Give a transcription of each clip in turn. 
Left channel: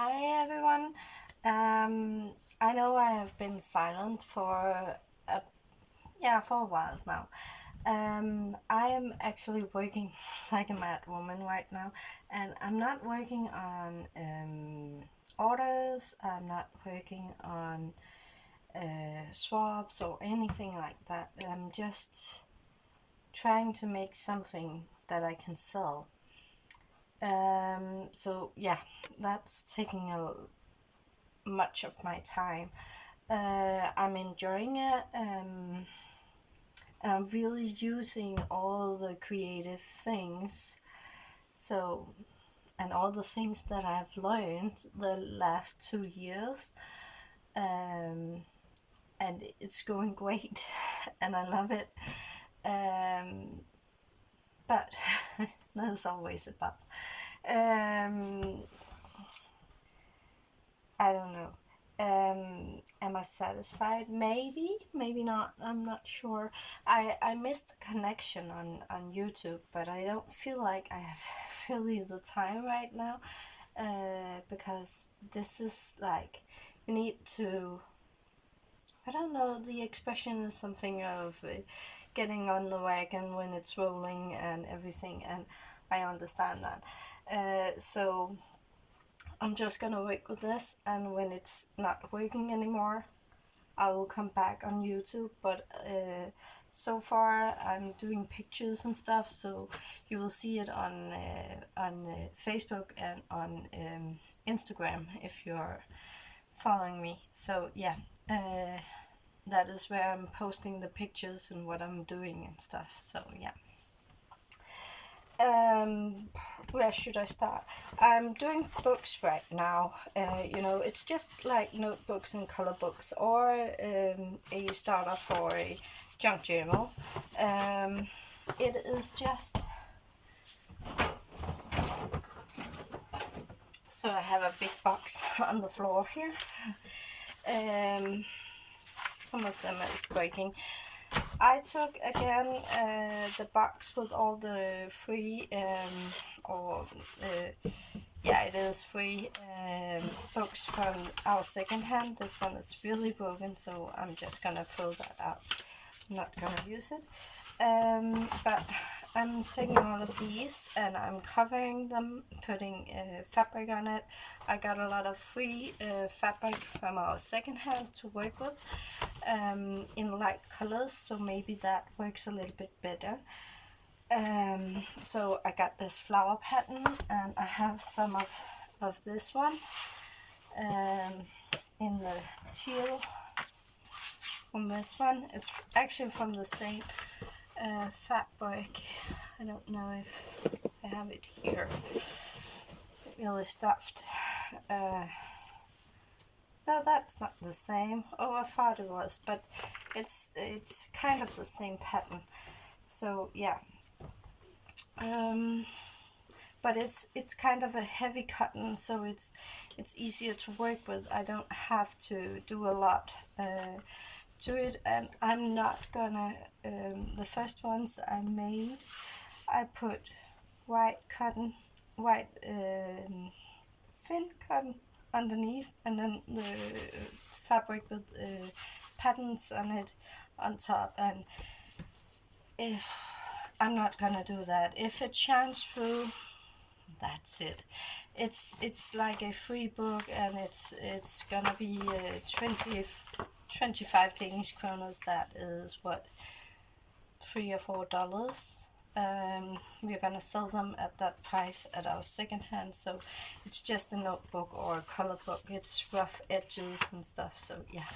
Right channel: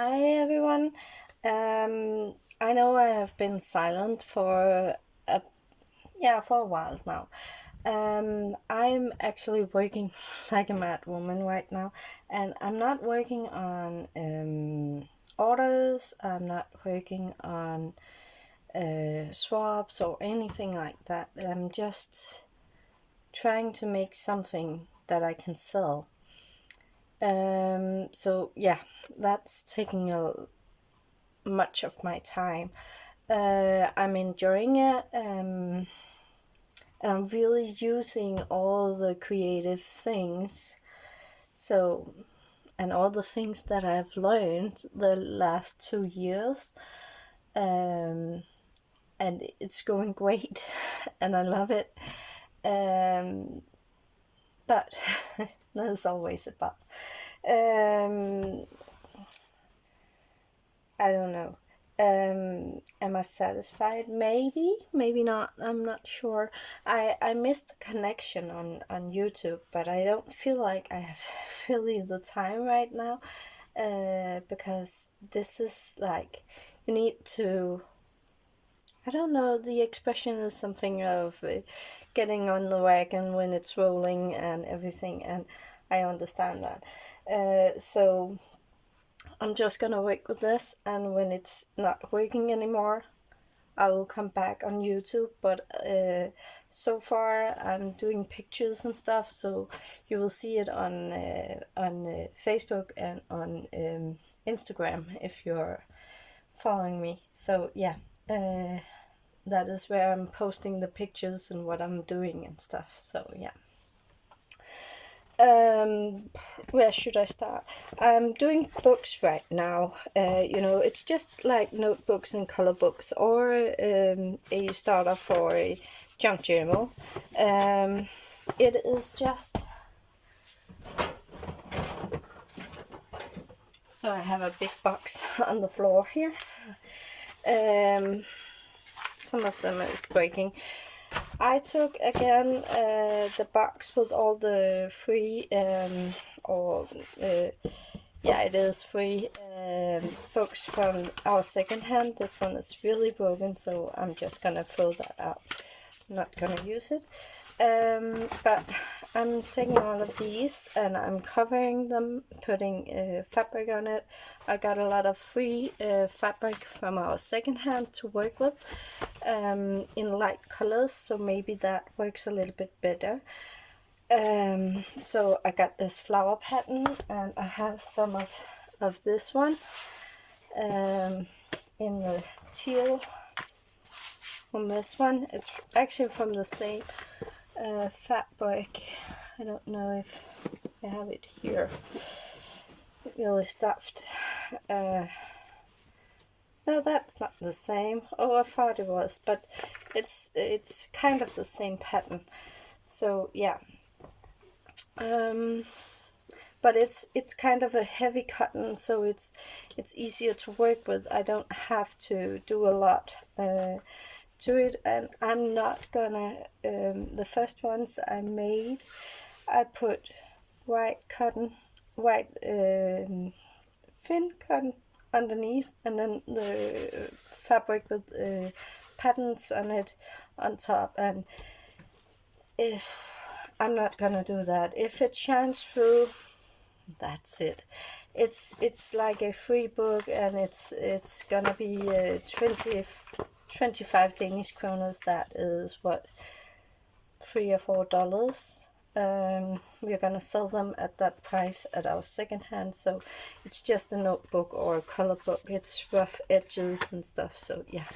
Hi everyone. I know I have been silent for a for a while now. I'm actually working like a mad woman right now, and I'm not working on orders. I'm not working on swaps or anything like that. I'm just trying to make something that I can sell. So yeah, that's taking a much of my time. I'm enjoying it, and I'm really using all the creative things. So, and all the things that I've learned the last 2 years, um, and it's going great, and I love it. Um, but there's always a but. Um, I don't know. Am I satisfied? Maybe, maybe not. I'm not sure. I missed the connection on YouTube, but I don't feel like I have really the time right now. Because this is like you need to. I don't know. The expression is something of getting on the wagon when it's rolling and everything, and I understand that. So I'm just gonna work with this, and when it's not working anymore, I will come back on YouTube. But so far, I'm doing pictures and stuff, so you will see it on Facebook and on Instagram if you're following me. So yeah, uh, that is where I'm posting the pictures and what I'm doing and stuff. So yeah. Um, where should I start? I'm doing books right now. It's just like notebooks and color books, or a starter for a junk journal. It is just so I have a big box on the floor here. Um, some of them is breaking. I took again the box with all the free or yeah, it is free books from our second hand. This one is really broken, so I'm just gonna throw that out. I'm not gonna use it. But I'm taking all of these and I'm covering them, putting fabric on it. I got a lot of free fabric from our second hand to work with in light colors, so maybe that works a little bit better. So I got this flower pattern, and I have some of this one in the teal from this one. It's actually from the same fabric. I don't know if I have it here. It really stuffed. No, that's not the same. Oh, I thought it was, but it's kind of the same pattern. So yeah. But it's kind of a heavy cotton, so it's easier to work with. I don't have to do a lot to it, and I'm not gonna. The first ones I made, I put white cotton, white thin cotton underneath, and then the fabric with patterns on it on top. And if I'm not gonna do that, if it shines through, that's it. It's like a free book, and it's gonna be 25 Danish kroners. That is what, $3 or $4. We're gonna sell them at that price at our second hand. So it's just a notebook or a color book. It's rough edges and stuff. So yeah,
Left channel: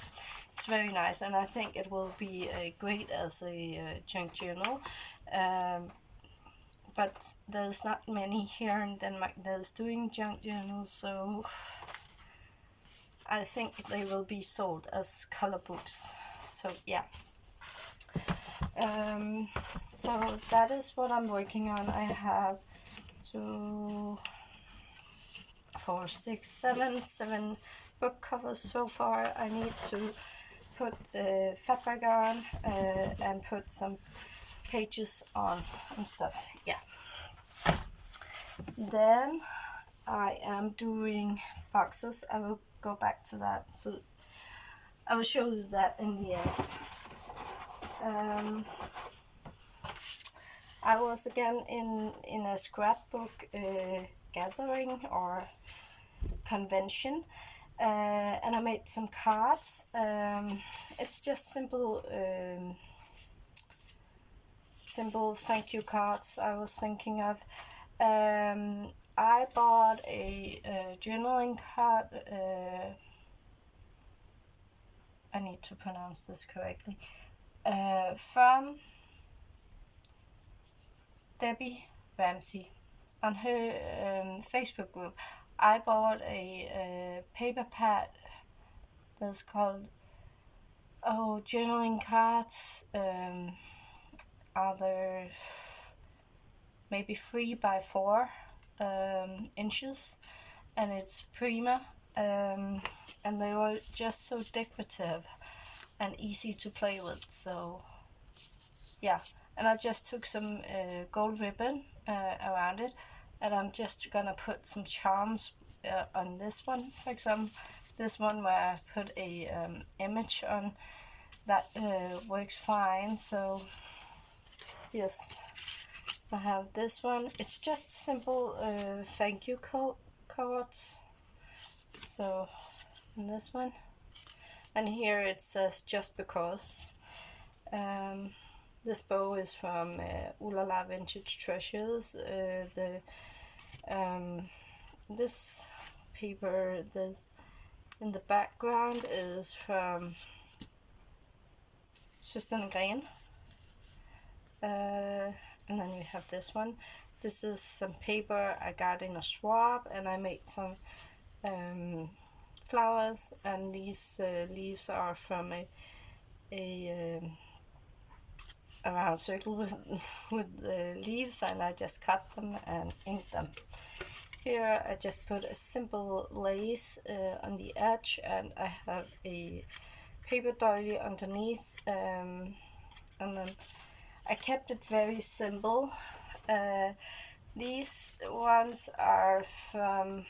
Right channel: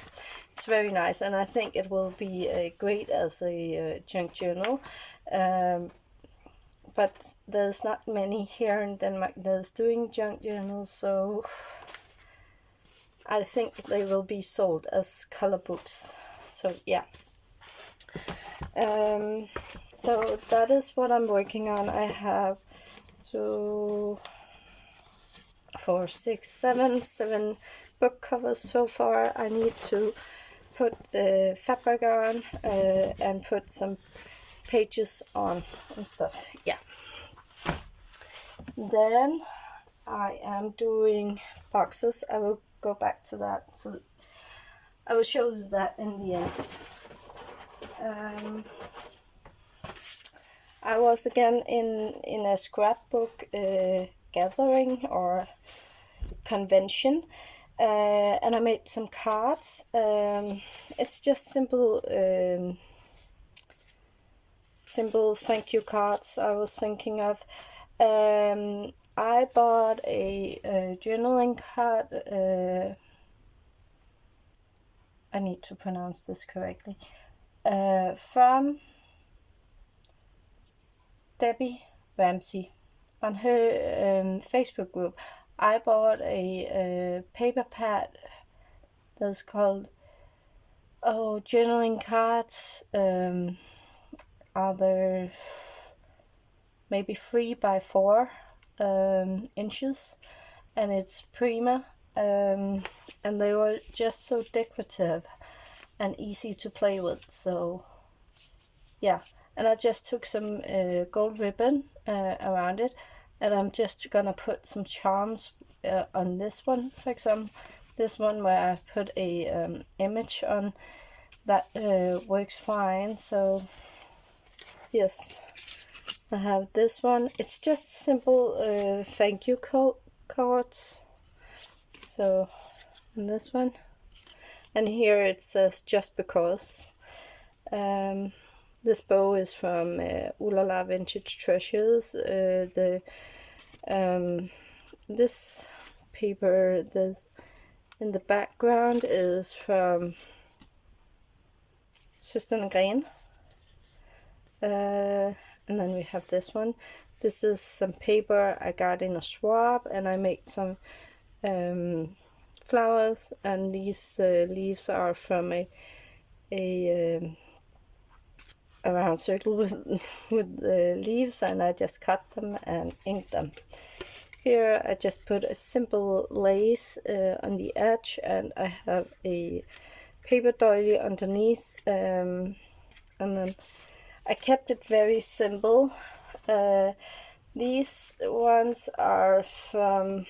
it's very nice, and I think it will be great as a junk journal. But there's not many here in Denmark that's doing junk journals, so I think they will be sold as color books. So yeah. So that is what I'm working on. I have 2, 4, 6, 7 book covers so far. I need to put the fabric on and put some pages on and stuff. Yeah. Then I am doing boxes. I will go back to that. So I will show you that in the end. I was again in a scrapbook gathering or convention, and I made some cards. It's just simple thank you cards I was thinking of. I bought a journaling card. I need to pronounce this correctly. From Debbie Ramsey on her Facebook group. I bought a paper pad that's called journaling cards. Are there maybe 3 by 4 inches, and it's Prima, and they were just so decorative and easy to play with. So yeah, and I just took some gold ribbon around it, and I'm just gonna put some charms on this one. For example, this one where I put a image on that works fine. So yes, I have this one. It's just simple thank you cards. So, and this one, and here it says just because. This bow is from Ooh La La Vintage Treasures. This paper, this in the background, is from Søsterne Gren. And then we have this one. This is some paper I got in a swap, and I made some flowers, and these leaves are from a round circle with leaves, and I just cut them and inked them. Here I just put a simple lace on the edge, and I have a paper doily underneath, and then I kept it very simple. These ones are from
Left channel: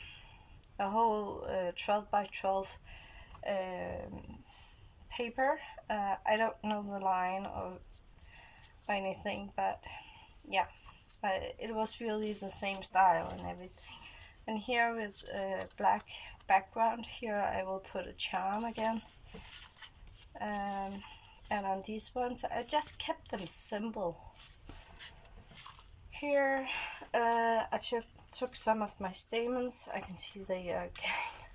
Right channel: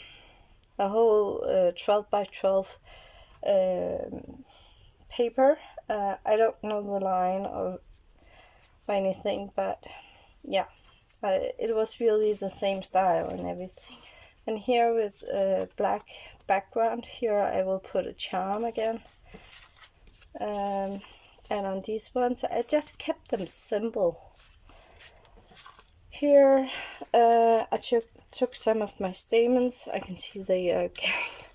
a whole 12 by 12 paper. I don't know the line or anything, but yeah, it was really the same style and everything. And here with a black background, here I will put a charm again. And on these ones I just kept them simple. Here I took some of my stamens. I can see they are getting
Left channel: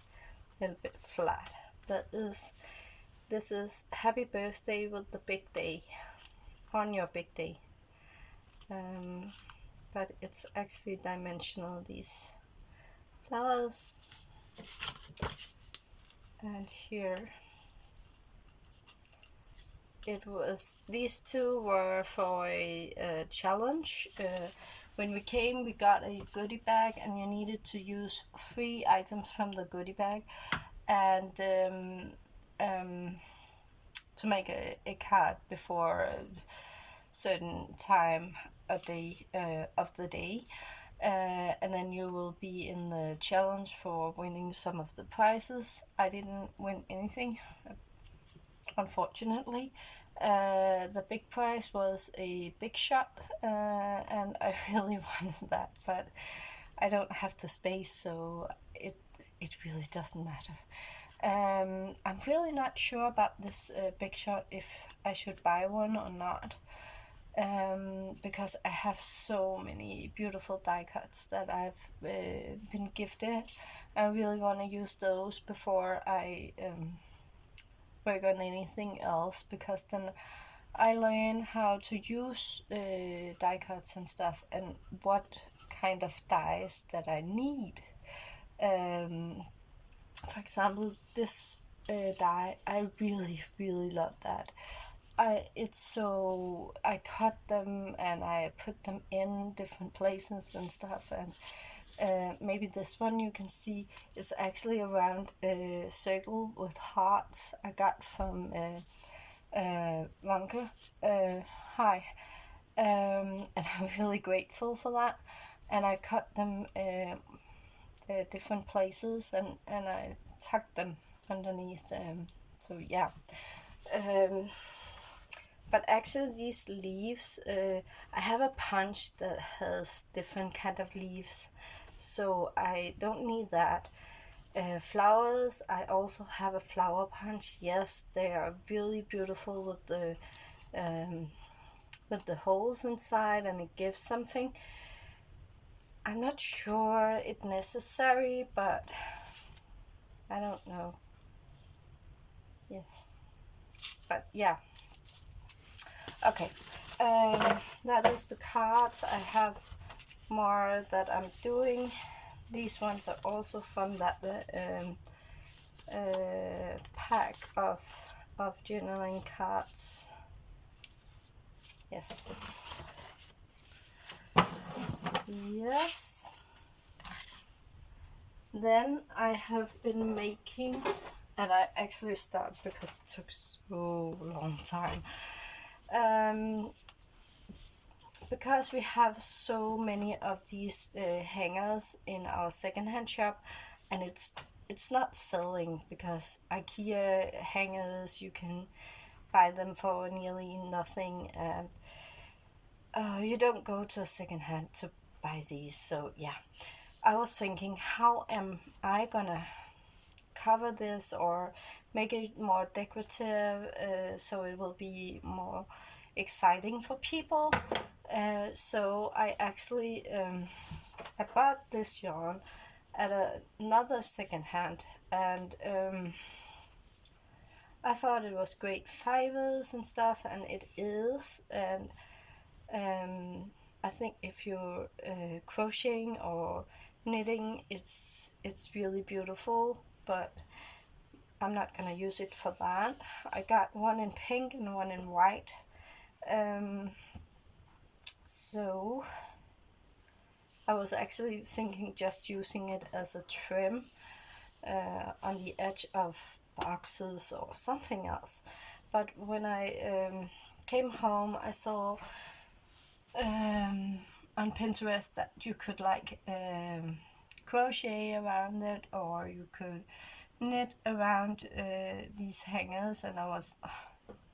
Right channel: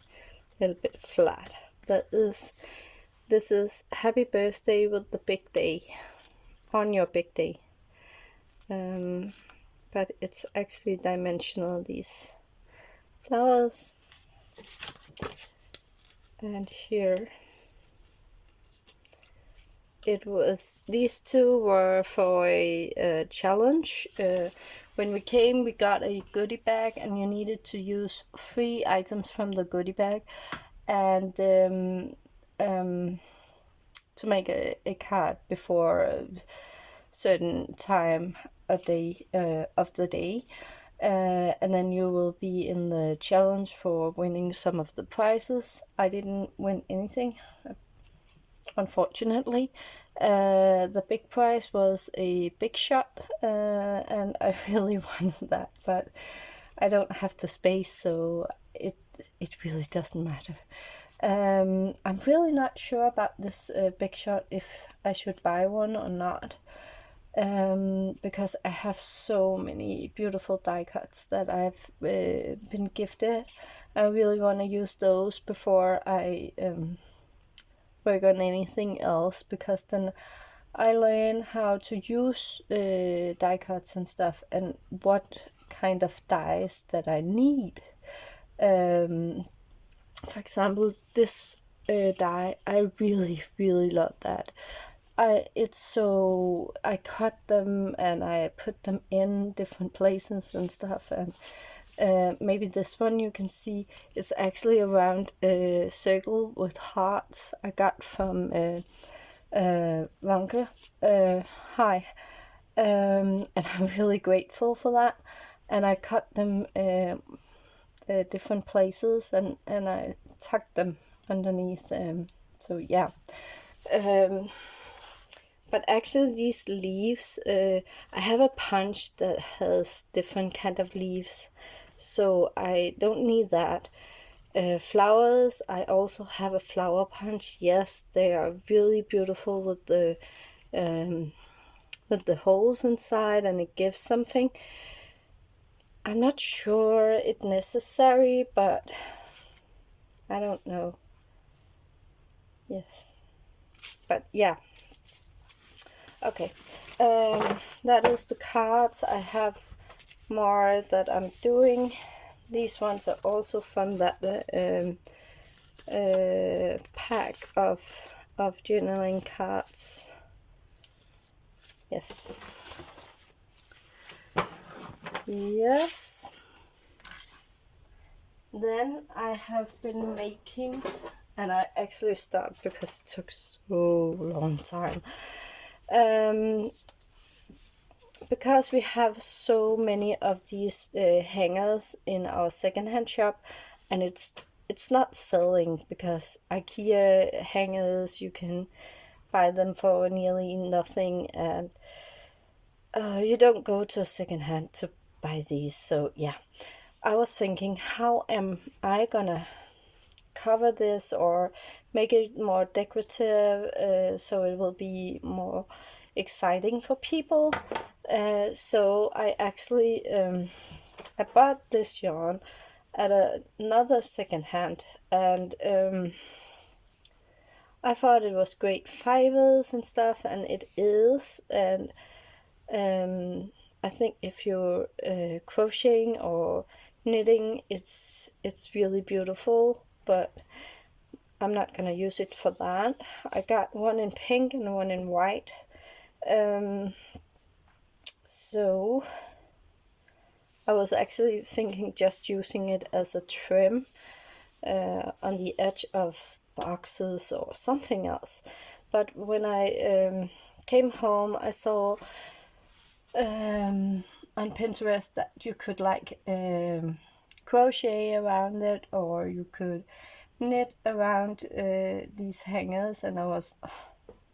a little bit flat. This is happy birthday with the big day, on your big day. But it's actually dimensional, these flowers. And here it was, these two were for a challenge. When we came, we got a goodie bag, and you needed to use 3 items from the goodie bag, and to make a card before a certain time of the day. And then you will be in the challenge for winning some of the prizes. I didn't win anything, unfortunately. The big prize was a big shot, and I really wanted that, but I don't have the space, so it really doesn't matter. I'm really not sure about this big shot, if I should buy one or not. Because I have so many beautiful die cuts that I've been gifted. I really want to use those before I work on anything else, because then I learn how to use die cuts and stuff, and what kind of dies that I need. For example, this die, I really love that. I cut them and I put them in different places and stuff, and maybe this one you can see it's actually a round circle with hearts I got from Vanke. Hi. And I'm really grateful for that. And I cut them different places, and I tucked them underneath. So yeah. Um, but actually these leaves, I have a punch that has different kind of leaves, so I don't need that. Flowers, I also have a flower punch. Yes, they are really beautiful um, with the holes inside, and it gives something. I'm not sure it's necessary, but I don't know. Yes, but yeah. Okay, that is the cards. I have more that I'm doing. These ones are also from that pack of journaling cards. Yes. Yes. Then I have been making, and I actually stopped because it took so long time. Because we have so many of these hangers in our secondhand shop, and it's not selling, because IKEA hangers, you can buy them for nearly nothing, and you don't go to a secondhand to buy these. So yeah, I was thinking, how am I gonna cover this or make it more decorative, so it will be more exciting for people. So I actually I bought this yarn at another second hand, and I thought it was great fibers and stuff, and it is. And I think if you're crocheting or knitting, it's really beautiful, but I'm not gonna use it for that. I got one in pink and one in white. So I was actually thinking just using it as a trim on the edge of boxes or something else. But when I came home, I saw on Pinterest that you could like crochet around it, or you could knit around these hangers, and I was,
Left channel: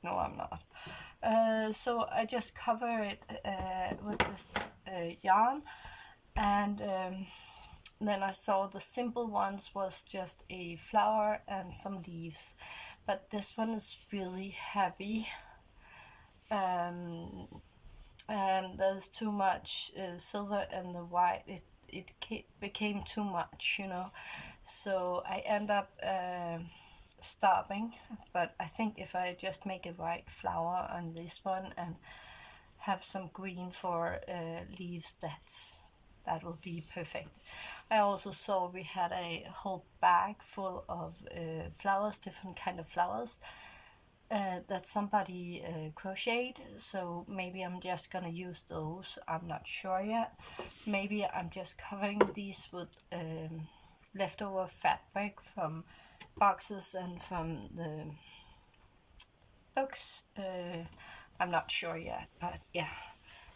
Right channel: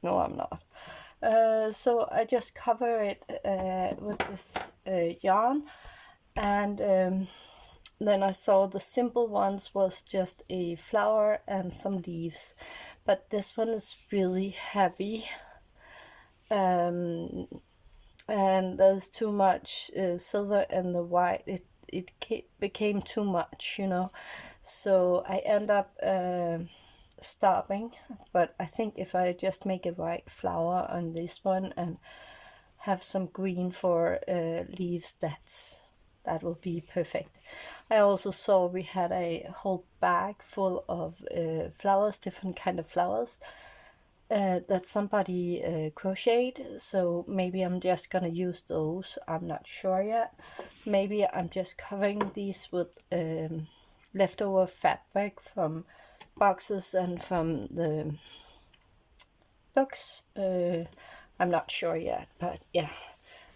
no, I'm not. So I just cover it with this yarn, and then I saw the simple ones was just a flower and some leaves, but this one is really heavy, and there's too much silver and the white. It became too much, so I end up stopping. But I think if I just make a white flower on this one and have some green for leaves, that will be perfect. I also saw we had a whole bag full of flowers, different kind of flowers, that somebody crocheted, so maybe I'm just gonna use those. I'm not sure yet. Maybe I'm just covering these with leftover fabric from boxes and from the books. I'm not sure yet, but yeah,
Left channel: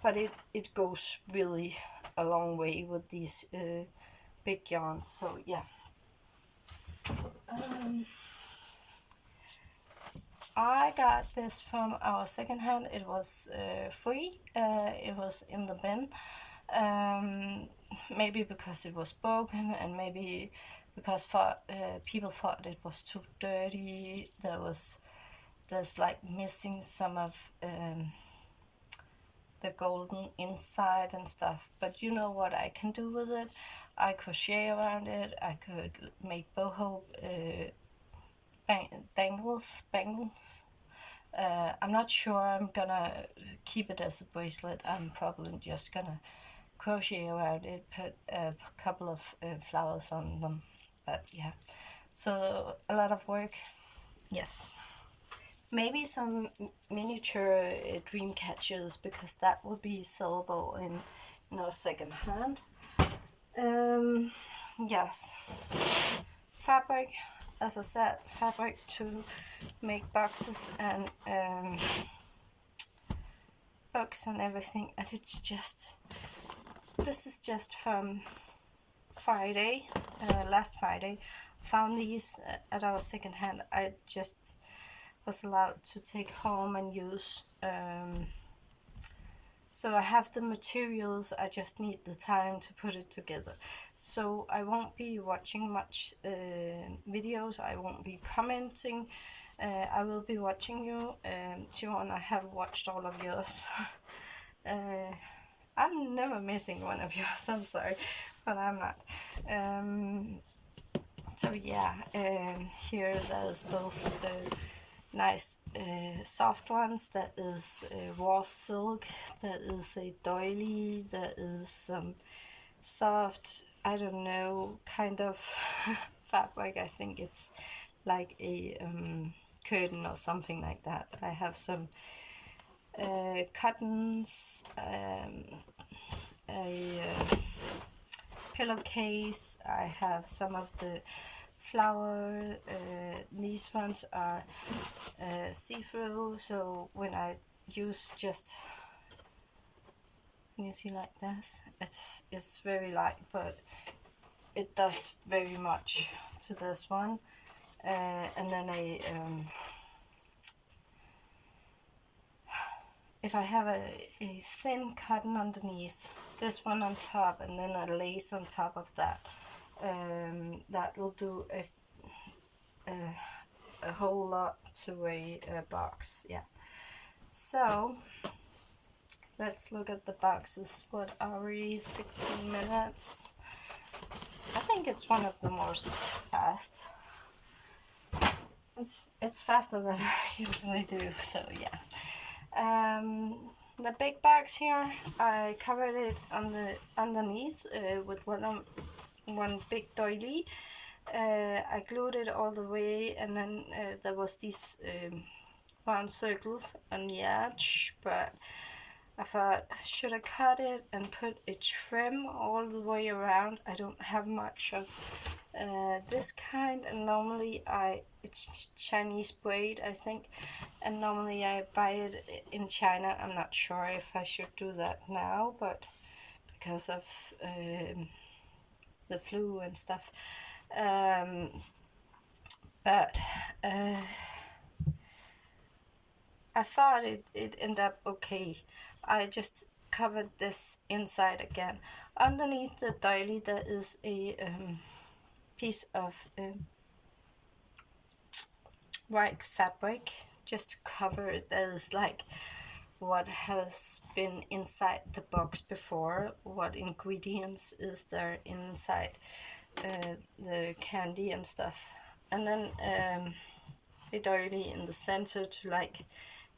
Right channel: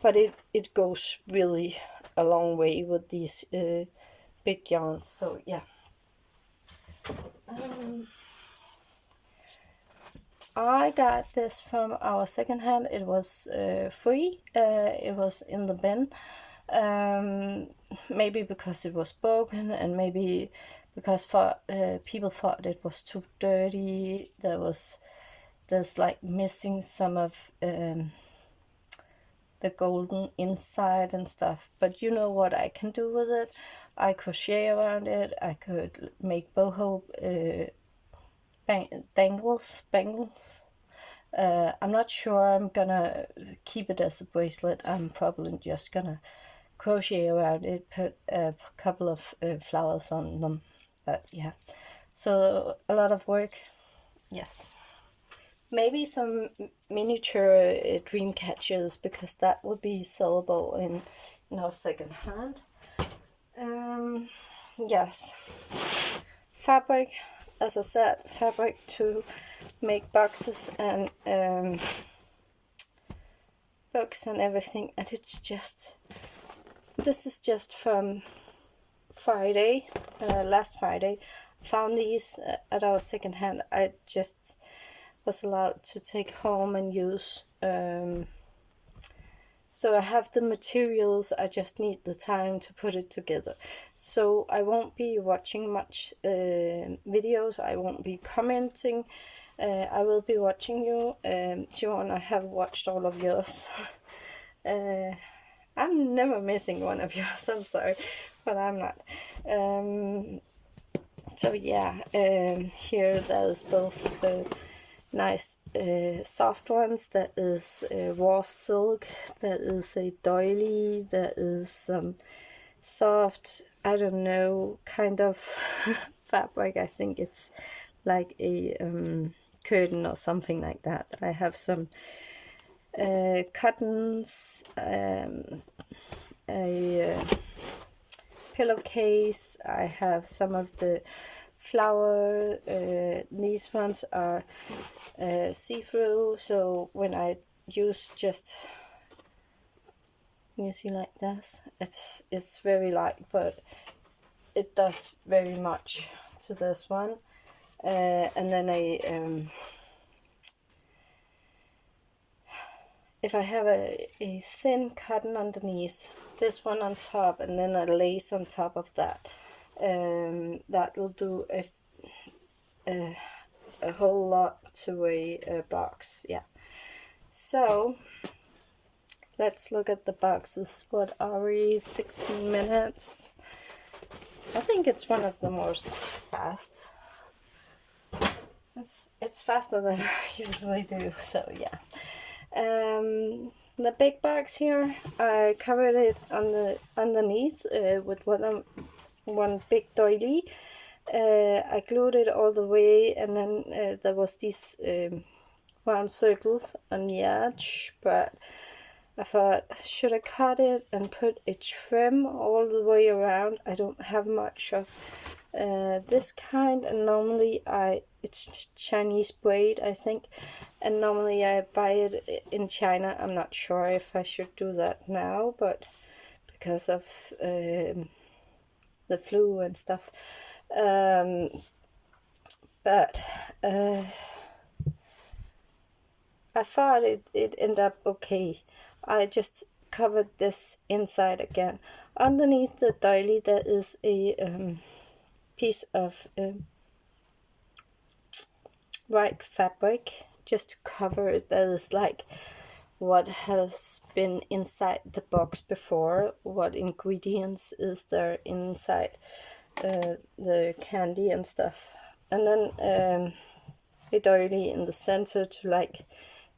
but it goes really a long way with these big yarns. So yeah. I got this from our second hand. It was free. It was in the bin. Maybe because it was broken, and maybe because people thought it was too dirty. There's like missing some of the golden inside and stuff. But you know what I can do with it? I crochet around it. I could make boho bangles. I'm not sure I'm gonna keep it as a bracelet. I'm probably just gonna crochet around it, put a couple of flowers on them. But yeah, so a lot of work. Yes, maybe some miniature dream catchers, because that would be sellable in second hand. Yes, fabric, as I said, fabric to make boxes and books and everything. And it's just, this is just from Friday, last Friday, found these at our second hand. I just was allowed to take home and use. So I have the materials, I just need the time to put it together. So I won't be watching much videos, I won't be commenting. I will be watching you. Joan, I have watched all of yours. I'm never missing one of yours, I'm sorry, but I'm not. So yeah, here there's both the nice soft ones, there is raw silk, there is a doily, there is some soft, I don't know, kind of fabric. I think it's like a curtain or something like that. I have some cottons, a pillowcase. I have some of the flower. These ones are see-through, so when I use just, you see like this, it's very light, but it does very much to this one. And then if I have a thin cotton underneath, this one on top, and then a lace on top of that, that will do a whole lot to a box. Yeah. So let's look at the boxes. What are we? 16 minutes. I think it's one of the most fast. It's faster than I usually do. So yeah. The big box here, I covered it on the underneath with one big doily. I glued it all the way, and then there was these round circles on the edge, but I thought, should I cut it and put a trim all the way around? I don't have much of this kind, and normally it's Chinese braid, I think, and normally I buy it in China. I'm not sure if I should do that now, but because of the flu and stuff. But I thought it ended up okay. I just covered this inside again. Underneath the doily there is a piece of white fabric just to cover it. That is like what has been inside the box before, what ingredients is there inside the candy and stuff. And then a doily in the center to like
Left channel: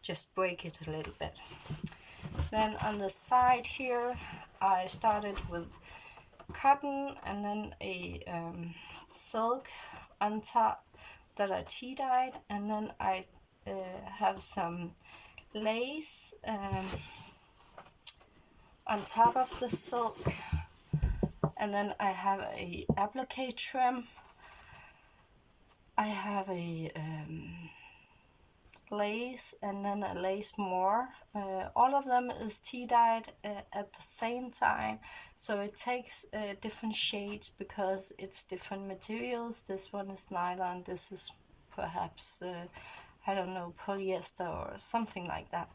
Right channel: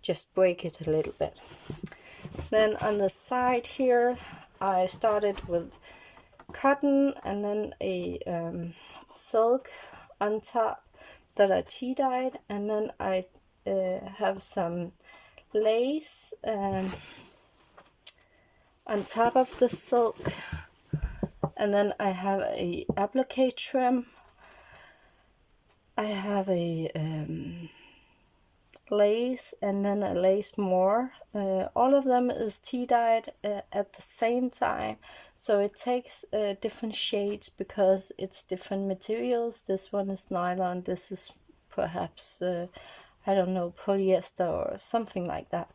just break it a little bit. Then on the side here I started with cotton and then a silk on top that I tea dyed, and then I have some lace on top of the silk, and then I have a applique trim. I have a lace and then a lace more. All of them is tea dyed at the same time, so it takes different shades because it's different materials. This one is nylon, this is perhaps I don't know, polyester or something like that,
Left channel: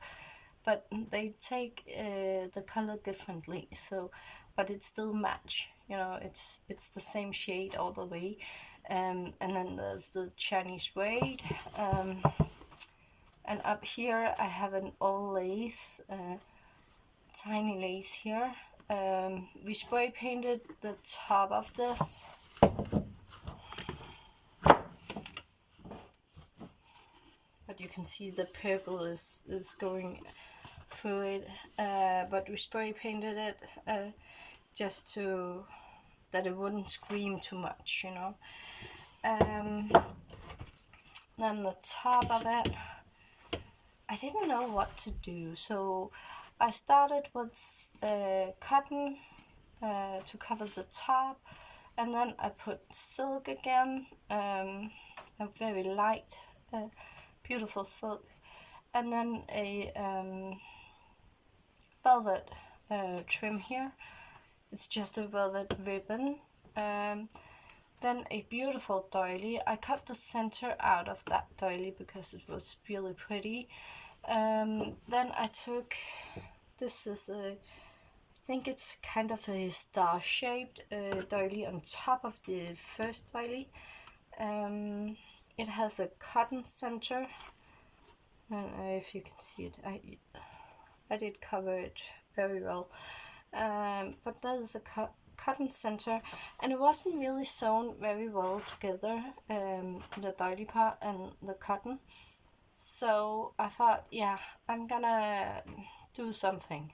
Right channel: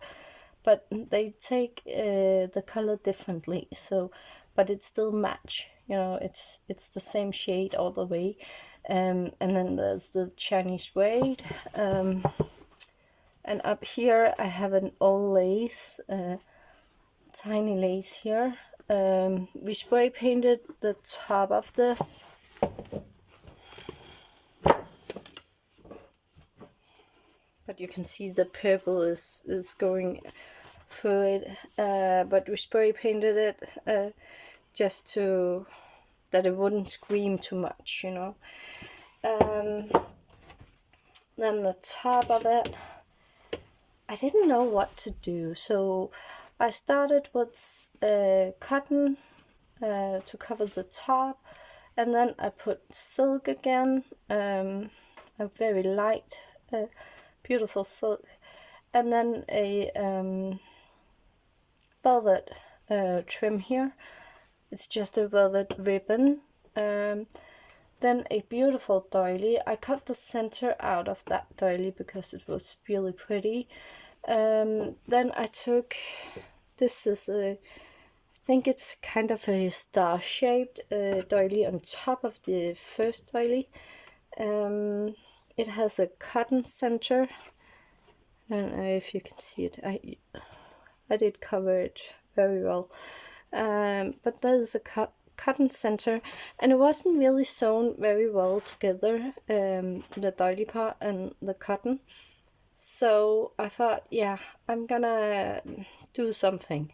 but they take the color differently, so but it still match, you know, it's the same shade all the way. And then there's the Chinese braid. And up here I have an old lace, tiny lace here. We spray painted the top of this. But you can see the purple is going through it. But we spray painted it just to that it wouldn't scream too much, you know. Then the top of it, I didn't know what to do, so I started with cotton to cover the top, and then I put silk again, a very light, beautiful silk, and then a velvet trim here. It's just a velvet ribbon, Then a beautiful doily. I cut the center out of that doily because it was really pretty. Then I took, this is a, I think it's kind of a star-shaped doily on top of the first doily. It has a cotton center. I don't know if you can see it. I did cover it very well. But there's a cotton center, and it wasn't really sewn very well together, the doily part and the cotton. So I thought, yeah, I'm gonna do something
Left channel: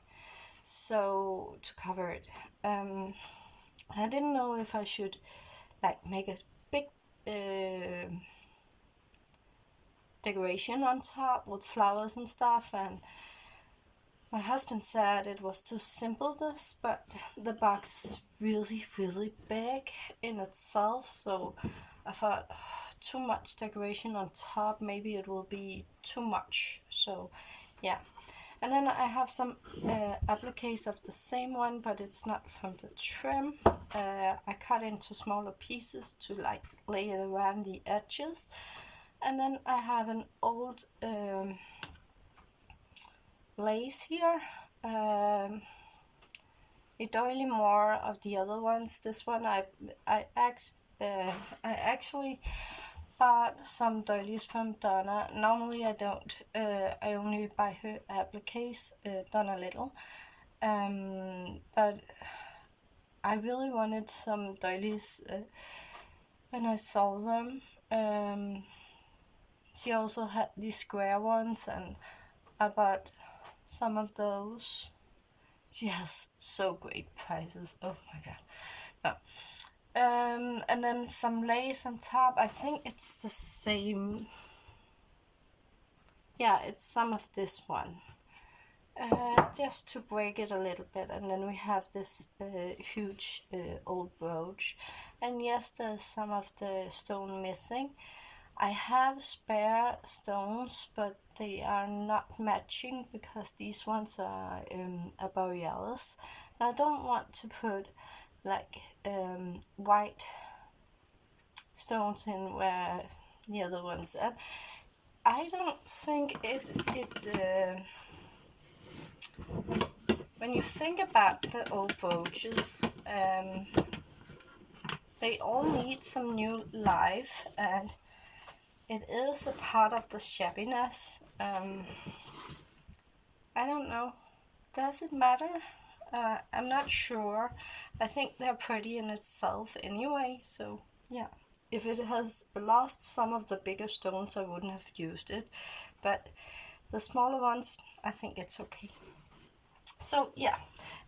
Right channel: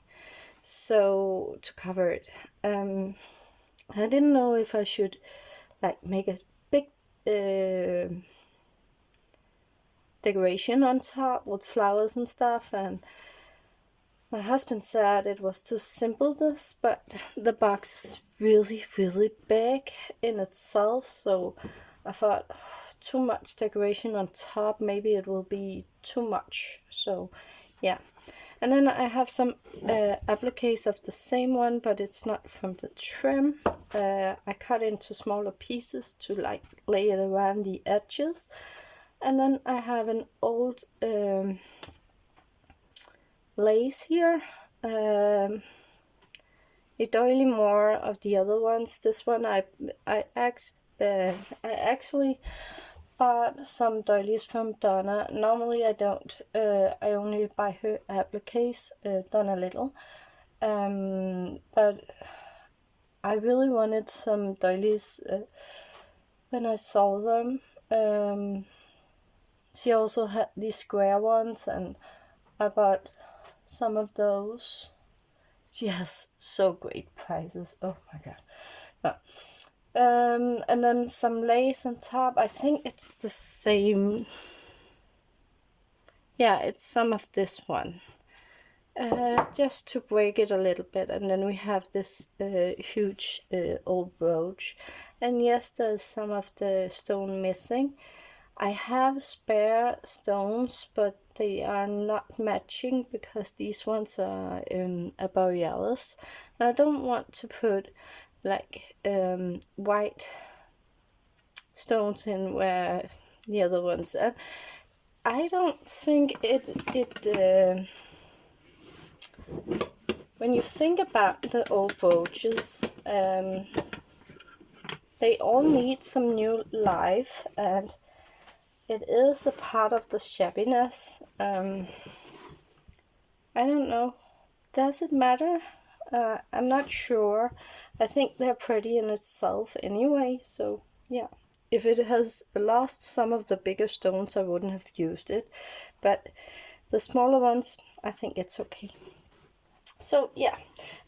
so to cover it. I didn't know if I should like make a big decoration on top with flowers and stuff, and my husband said it was too simple this, but the box is really, really big in itself, so I thought, too much decoration on top, maybe it will be too much. So yeah. And then I have some appliques of the same one, but it's not from the trim. I cut into smaller pieces to like lay it around the edges. And then I have an old lace here. A doily more of the other ones. This one I actually bought some doilies from Donna. Normally I don't. I only buy her appliques done a little. But I really wanted some doilies when I saw them. She also had these square ones, and I bought some of those. She has so great prices. Oh my god. And then some lace on top. I think it's the same. Yeah, it's some of this one. Just to break it a little bit. And then we have this huge old brooch. And yes, there's some of the stone missing. I have spare stones, but they are not matching because these ones are a borealis. And I don't want to put like white stones in where the other ones are. I don't think it when you think about the old brooches, they all need some new life, and it is a part of the shabbiness. I don't know. Does it matter? I'm not sure. I think they're pretty in itself anyway, so yeah. If it has lost some of the bigger stones, I wouldn't have used it. But the smaller ones, I think it's okay. So yeah,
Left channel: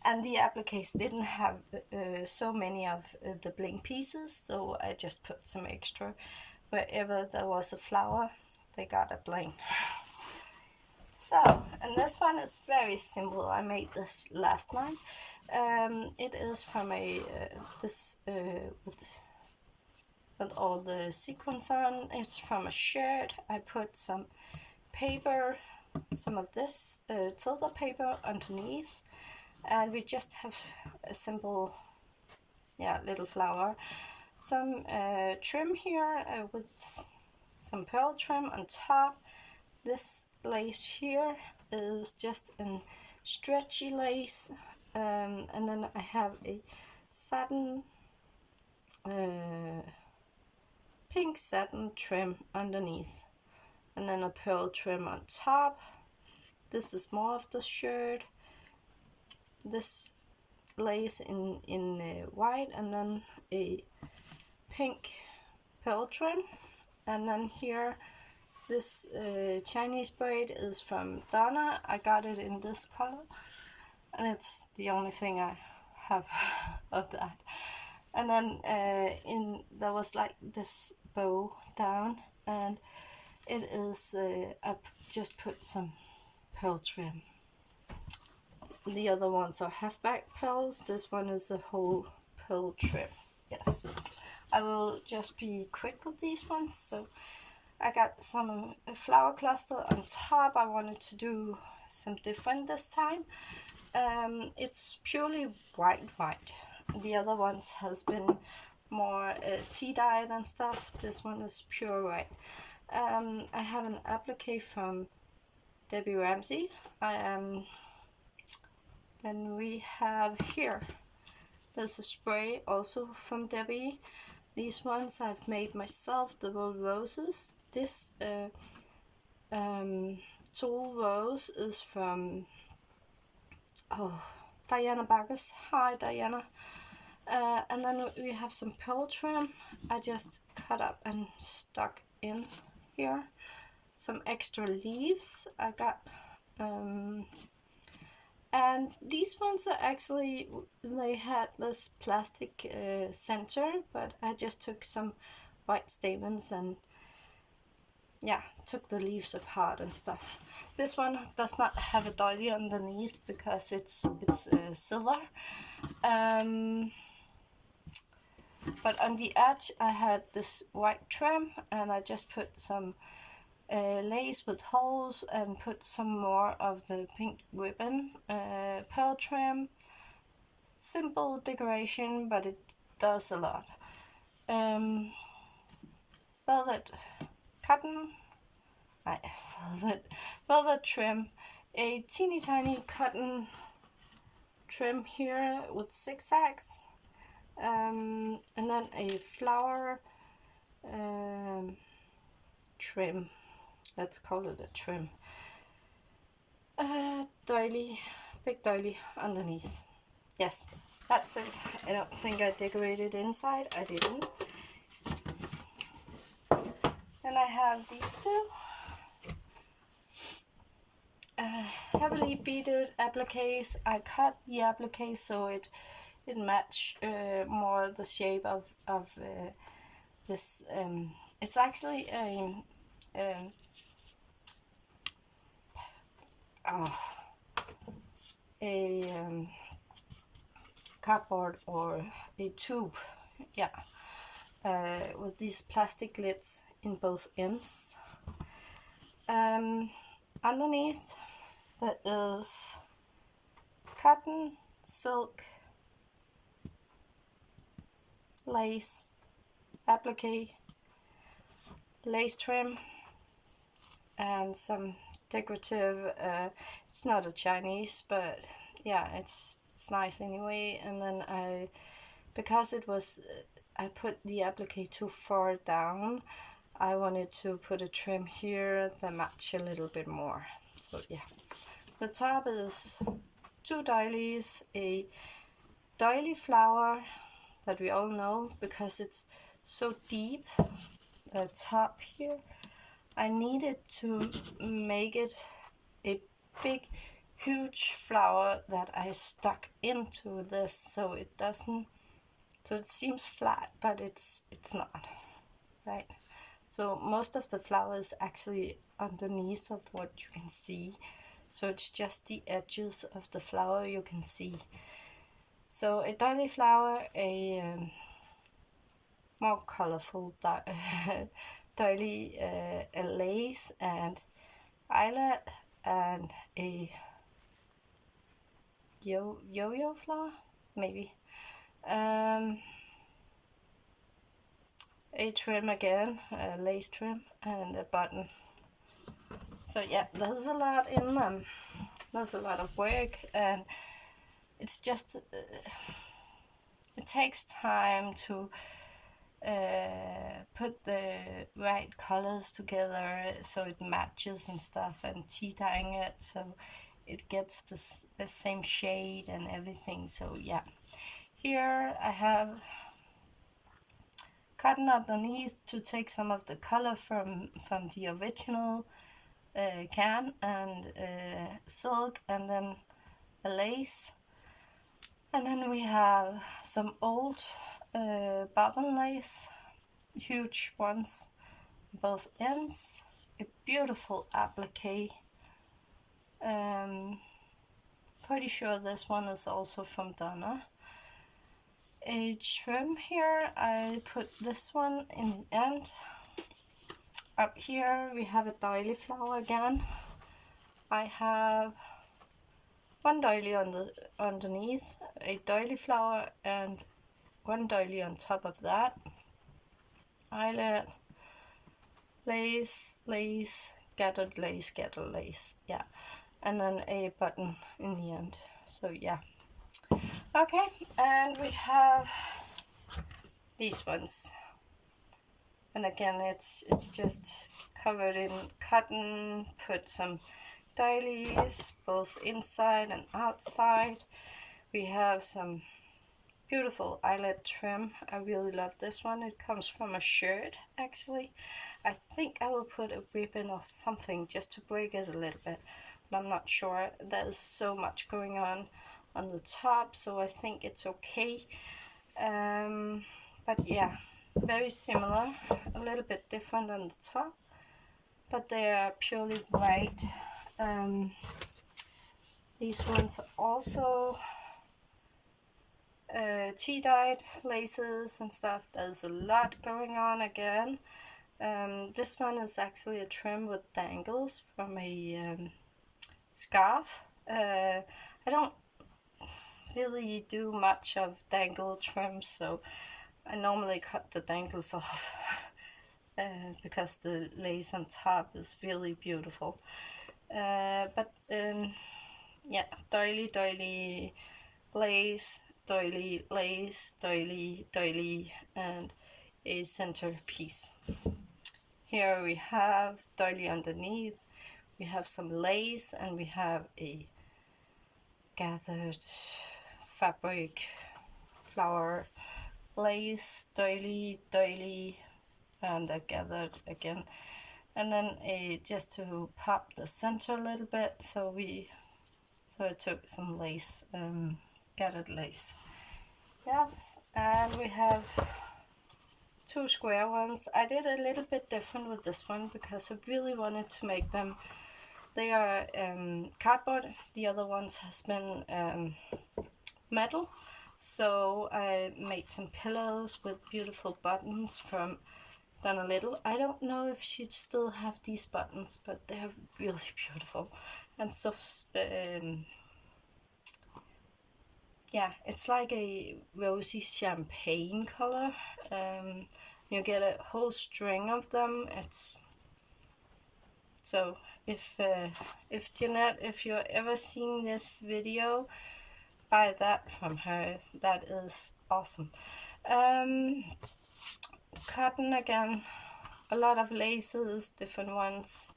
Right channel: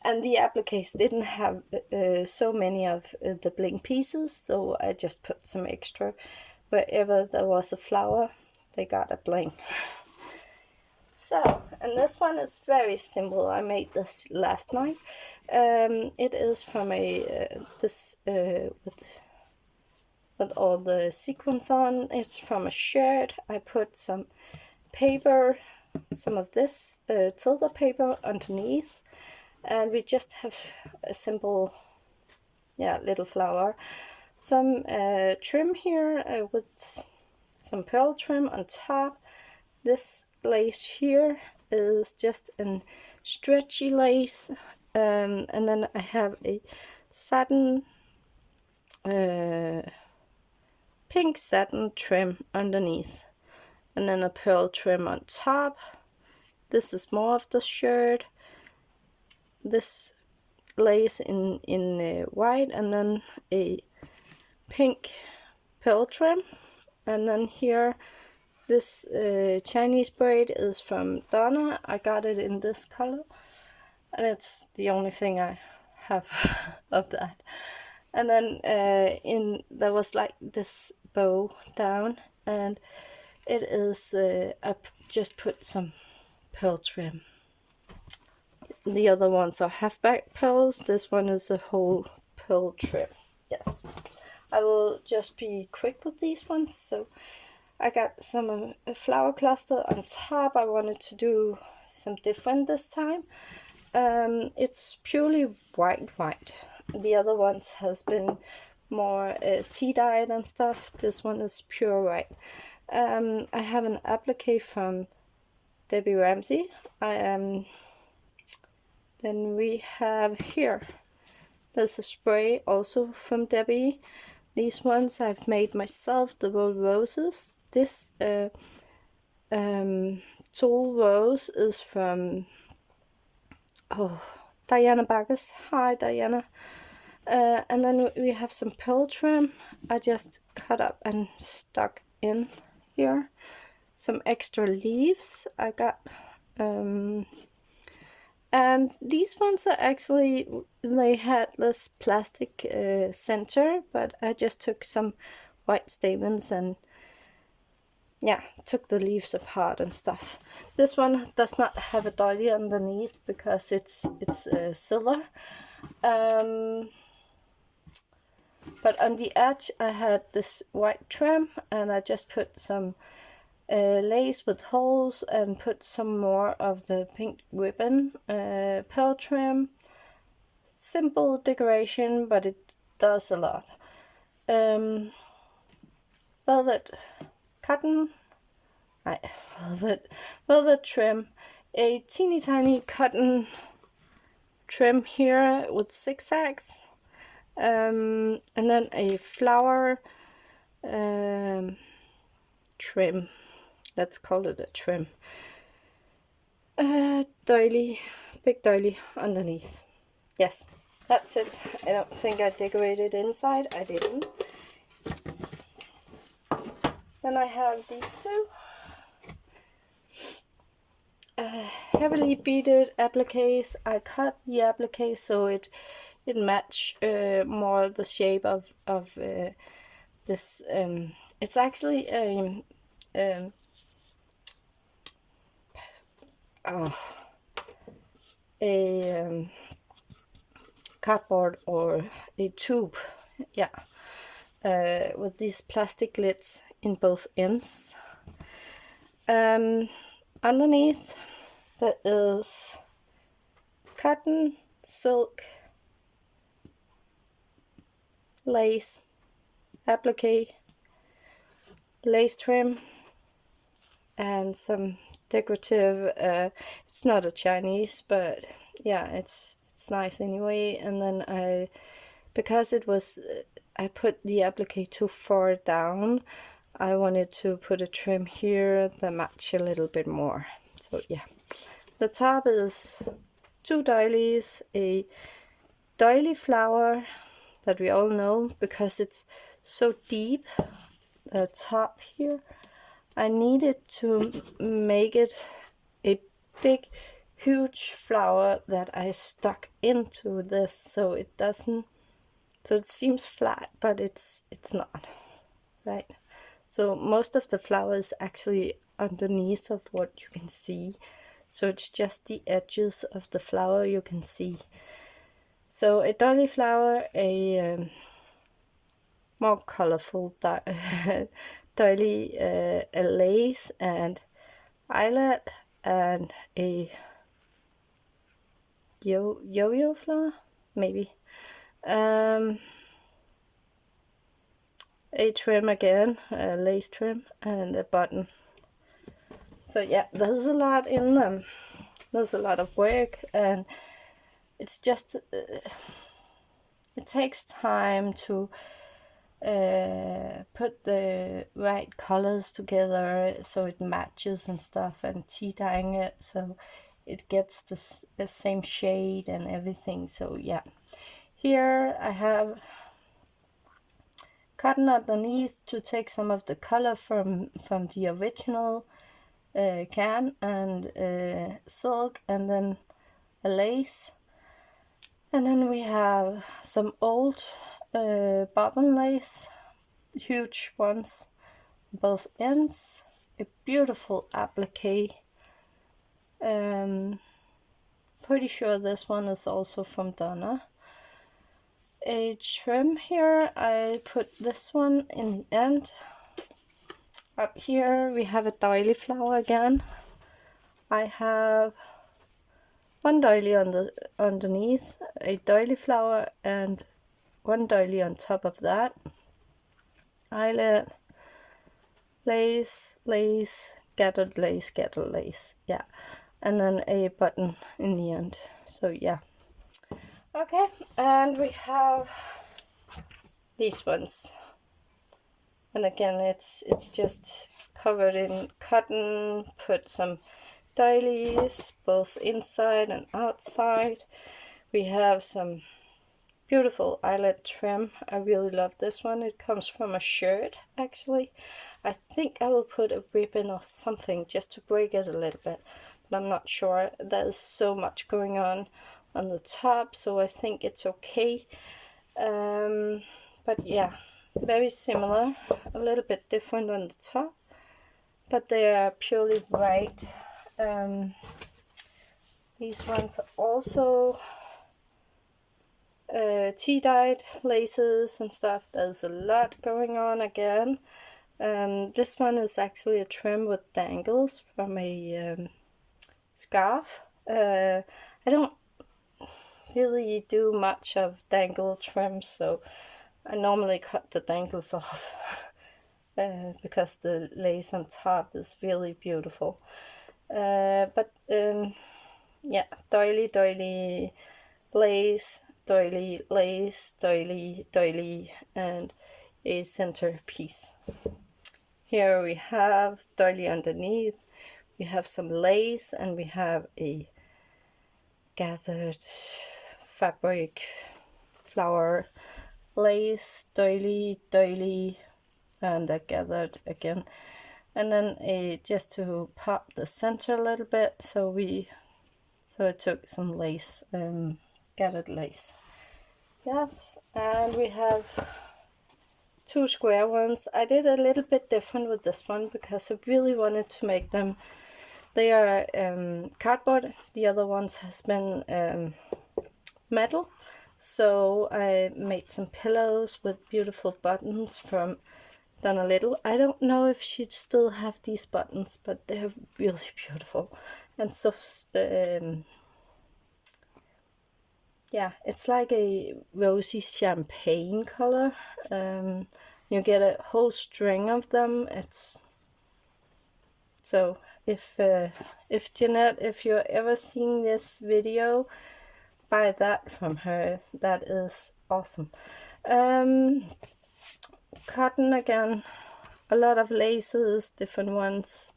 and the appliques didn't have so many of the bling pieces, so I just put some extra. Wherever there was a flower, they got a bling. So, and this one is very simple. I made this last night. It is from a this with all the sequins on. It's from a shirt. I put some paper, some of this tilde paper underneath, and we just have a simple, yeah, little flower. Some trim here with some pearl trim on top. This lace here is just a stretchy lace, and then I have a satin, pink satin trim underneath, and then a pearl trim on top. This is more of the shirt. This lace in white, and then a pink pearl trim, and then here this Chinese braid is from Donna. I got it in this color, and it's the only thing I have of that. And then there was like this bow down, and it is I just put some pearl trim. The other ones are half-back pearls. This one is a whole pearl trim. Yes, I will just be quick with these ones. So I got some flower cluster on top. I wanted to do some different this time. It's purely white. The other ones has been more tea dyed and stuff. This one is pure white. I have an applique from Debbie Ramsey. Then we have here, there's a spray also from Debbie. These ones I've made myself, the Roll Roses. This Tool Rose is from Diana Baggers. Hi Diana. And then we have some pearl trim I just cut up and stuck in here. Some extra leaves I got. And these ones are actually, they had this plastic center, but I just took some white stamens and yeah, took the leaves apart and stuff. This one does not have a doily underneath because it's silver. But on the edge I had this white trim, and I just put some lace with holes and put some more of the pink ribbon, pearl trim. Simple decoration, but it does a lot. Velvet cotton, velvet trim, a teeny tiny cotton trim here with zigzags, and then a flower trim. Let's call it a trim. Doily, big doily underneath. Yes, that's it. I don't think I decorated inside. I didn't. Then I have these two. Heavily beaded appliques. I cut the applique so it match more the shape of this. It's actually a cardboard or a tube, yeah, with these plastic lids in both ends. Underneath there is cotton, silk, lace, applique, lace trim, and some decorative, it's not a Chinese, but yeah, it's nice anyway. And then because it was, I put the applique too far down, I wanted to put a trim here that match a little bit more. So yeah, the top is two doilies, a doily flower that we all know because it's so deep, the top here. I needed to make it a big, huge flower that I stuck into this, so it doesn't, so it seems flat, but it's not, right? So most of the flower is actually underneath of what you can see, so it's just the edges of the flower you can see. So a doily flower, a more colorful doily, a lace and eyelet, and a yo-yo flower, maybe. A trim again, a lace trim, and a button. So yeah, there's a lot in them. There's a lot of work, and it's just it takes time to put the right colors together so it matches and stuff, and tea dyeing it so it gets the same shade and everything. So yeah, here I have cotton underneath to take some of the color from the original can, and silk, and then a lace, and then we have some old bobbin lace, huge ones, both ends, a beautiful applique. Pretty sure this one is also from Donna. A trim here, I put this one in the end. Up here we have a doily flower again. I have one doily underneath, a doily flower, and one doily on top of that. Eyelet, lace, lace, gathered lace, gathered lace. Yeah, and then a button in the end. So yeah. Okay, and we have these ones. And again, it's just covered in cotton. Put some doilies both inside and outside. We have some beautiful eyelet trim. I really love this one. It comes from a shirt, actually. I think I will put a ribbon or something just to break it a little bit, but I'm not sure. There's so much going on the top, so I think it's okay. But yeah, very similar, a little bit different on the top, but they are purely white. These ones are also tea-dyed laces and stuff. There's a lot going on again. This one is actually a trim with dangles from a scarf. I don't really do much of dangle trims, so I normally cut the dangles off because the lace on top is really beautiful. But yeah, doily, lace, doily, lace, doily, and a center piece. Here we have doily underneath, we have some lace, and we have a gathered fabric flower lace, doily, and a gathered again. And then just to pop the center a little bit, so I took some lace, gathered lace. Yes, and we have two square ones. I did a little bit different with this one because I really wanted to make them. They are cardboard. The other ones has been metal. So I made some pillows with beautiful buttons from Donna Little. I don't know if she'd still have these buttons, but they're really beautiful. And so yeah, it's like a rosy champagne color. You get a whole string of them. It's so if Jeanette, if you're ever seeing this video, buy that from her. That is awesome. Cotton again, a lot of laces, different ones.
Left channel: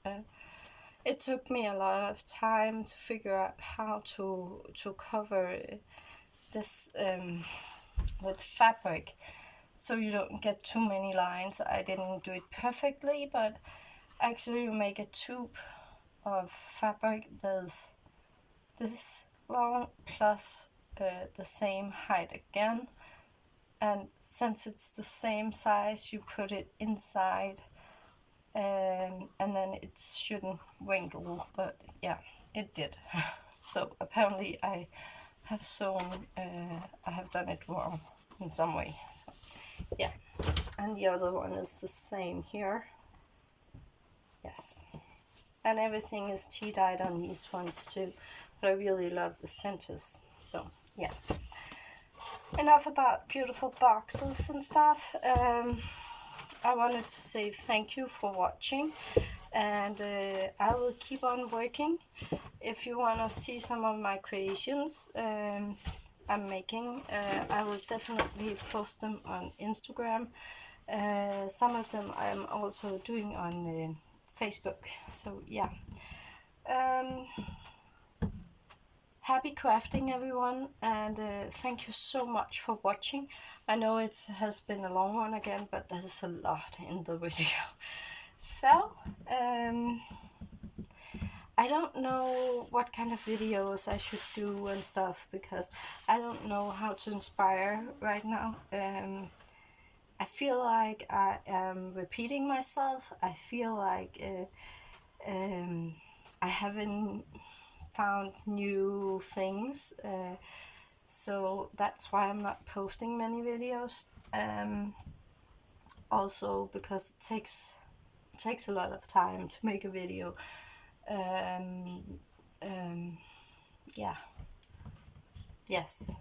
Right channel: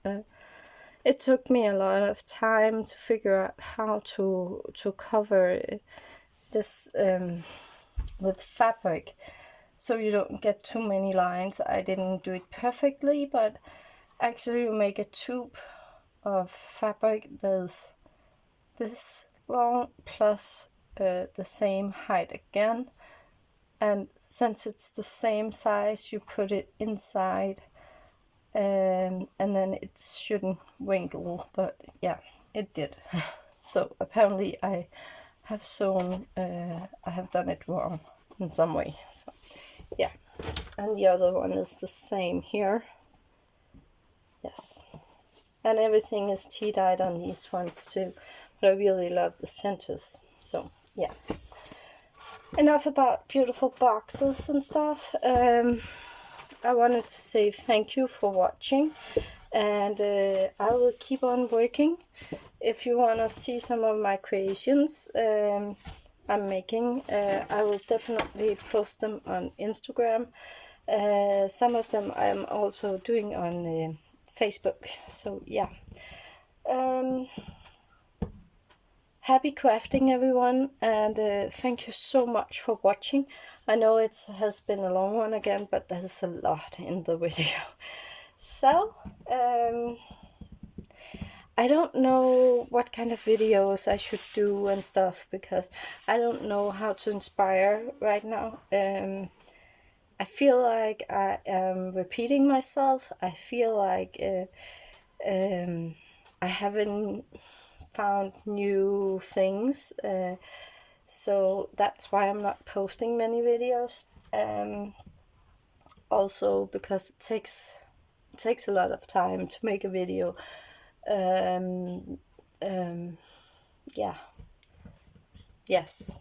It took me a lot of time to figure out how to cover this with fabric so you don't get too many lines. I didn't do it perfectly, but actually you make a tube of fabric that's this long plus the same height again, and since it's the same size you put it inside, and then it shouldn't wrinkle, but yeah, it did. So apparently I have sewn, I have done it wrong in some way. So yeah, and the other one is the same here. Yes, and everything is tea-dyed on these ones too, but I really love the centers. So yeah, enough about beautiful boxes and stuff. I wanted to say thank you for watching, and I will keep on working. If you want to see some of my creations I'm making, I will definitely post them on Instagram. Some of them I'm also doing on Facebook. So yeah, happy crafting, everyone, and thank you so much for watching. I know it has been a long one again, but there's a lot in the video. So I don't know what kind of videos I should do and stuff, because I don't know how to inspire right now. I feel like I am repeating myself. I feel like I haven't found new things, so that's why I'm not posting many videos. Also because it takes a lot of time to make a video. Yeah, yes.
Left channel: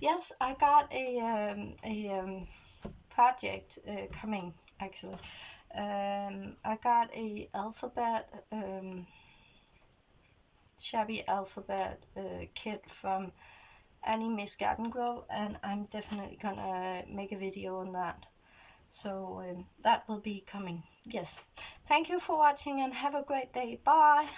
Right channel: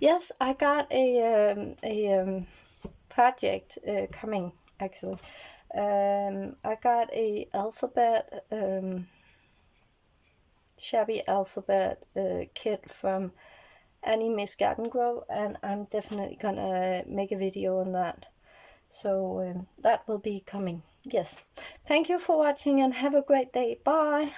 Yes, I got a project coming actually. I got a alphabet shabby alphabet kit from Miss Garden Grow, and I'm definitely gonna make a video on that. So that will be coming. Yes. Thank you for watching and have a great day. Bye.